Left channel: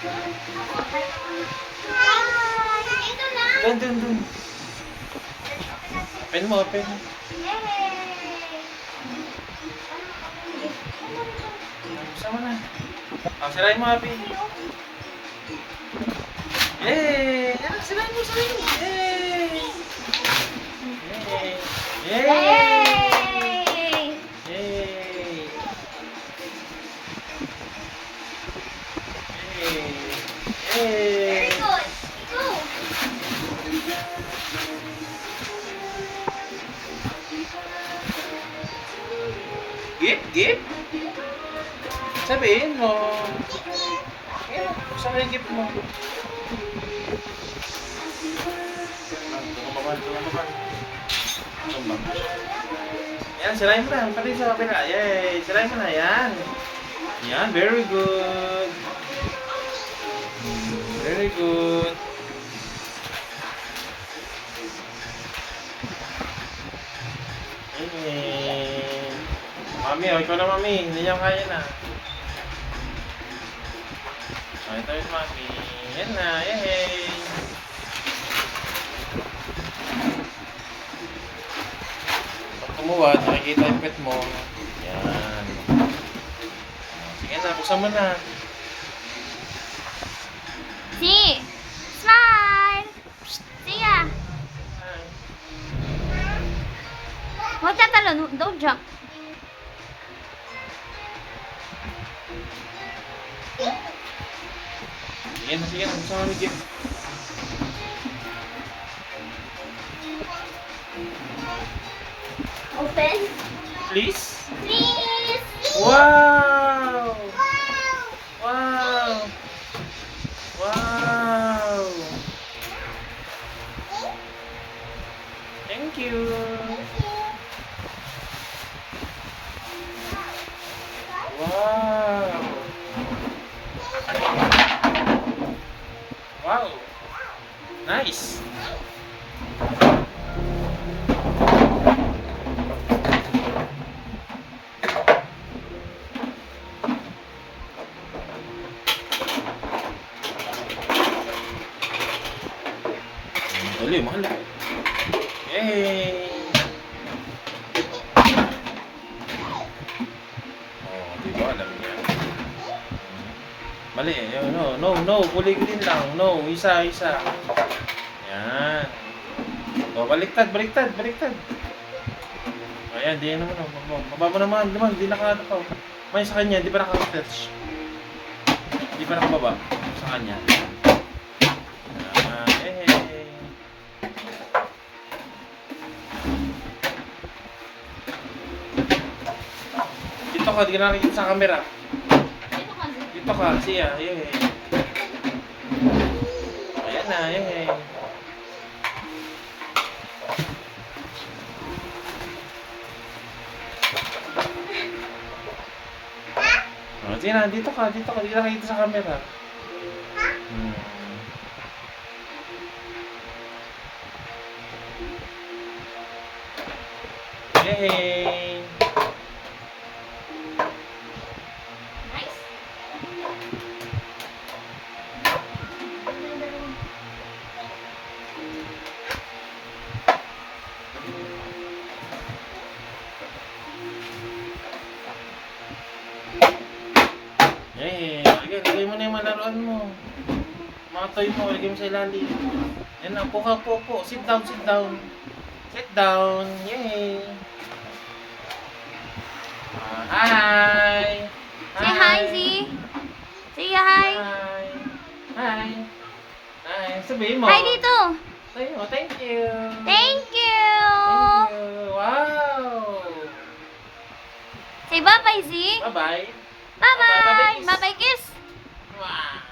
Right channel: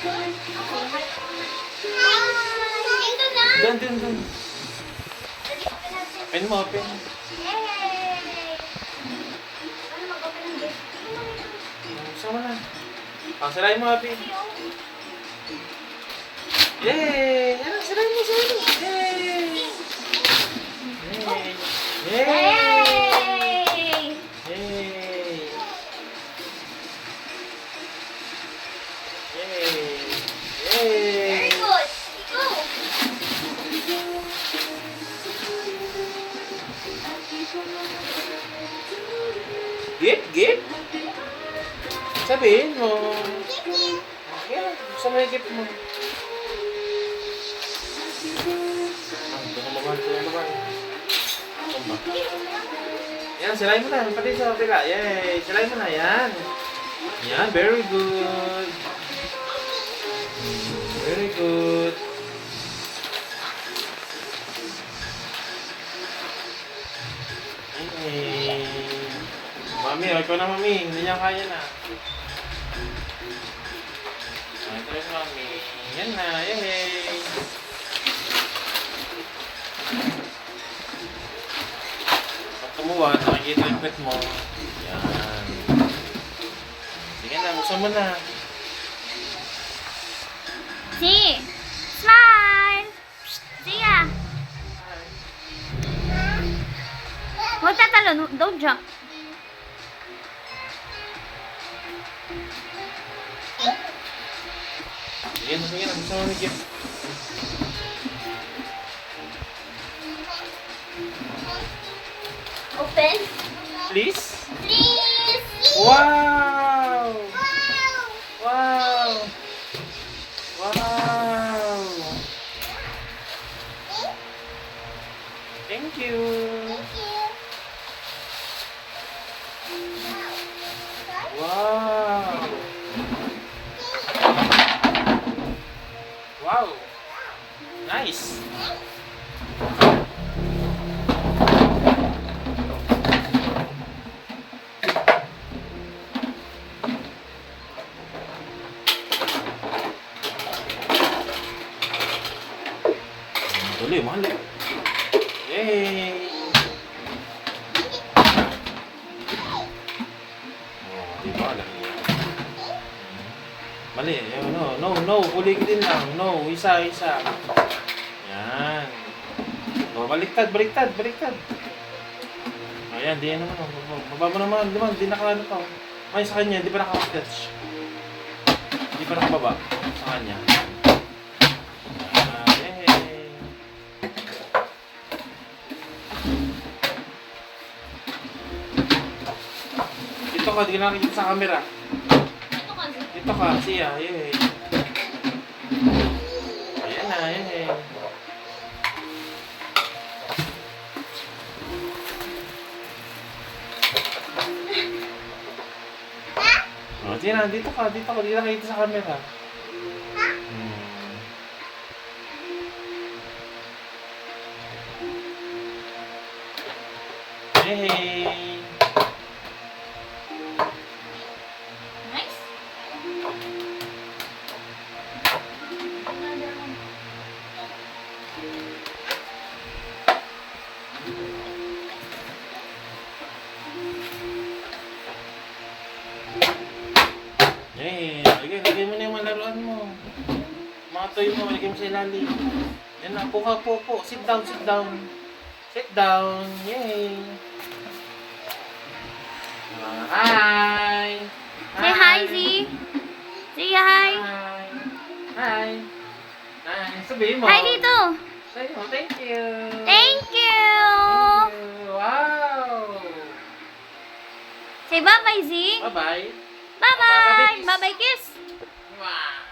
Doon. Open mo. Sama na. Sirain mo, Happy. Yay! Sirain mo. Yay! Very good. Go. Gift? Sabihin mo. Yan, saan na yung gift mo? Tumaban. Yan, sirain mo na. Pati sa kapila. Yay! Sirain mo na. Yan, very good. Very good. Mami, ikaw na mami. Hindi niya kaya na. Ito yung mami. Yan na. Yay! Pag kumuha, nakikita yung pet mo. Yan. Sige na, buksan mo na. See. Smile. See ya. Huwag tatalon. Don't jump. Sige na. Buksan mo yung gift. Open. Please? Please. Wow! Thank you. Wow. Nice. Dali, mahal eh. Yay! Oh, diba? Alam niya. Mali. No. Kuligin lang. No. Isa. Yan. Oh, baliktad. Ayan, di yan naman. Baba mo naman. Di naka-ano pa. May sa kanya, di pa naka-touch. Di pa nakababa. Sa kanya. Dito ka, di ka nakikita sa camera. Dito ka, siya, yay. Ayan na, yay. Oh, sige na, dito ka, di ka nakikita sa camera. Yay! Nice. Yay! Lagay mo na yung mga laruan mo. Matoy mo, lagay mo sa ilalim. Yan na, po. Sit down. Yay! Hi! Say hi, Z. Say hi. Hi! Sabihin mo. Hi dito. Sabihin mo, thank you! Thank you. Wow! Say bye-bye, Z. Bye-bye! Bye-bye. Bye-bye, kiss. Bye-bye, kiss. Wow!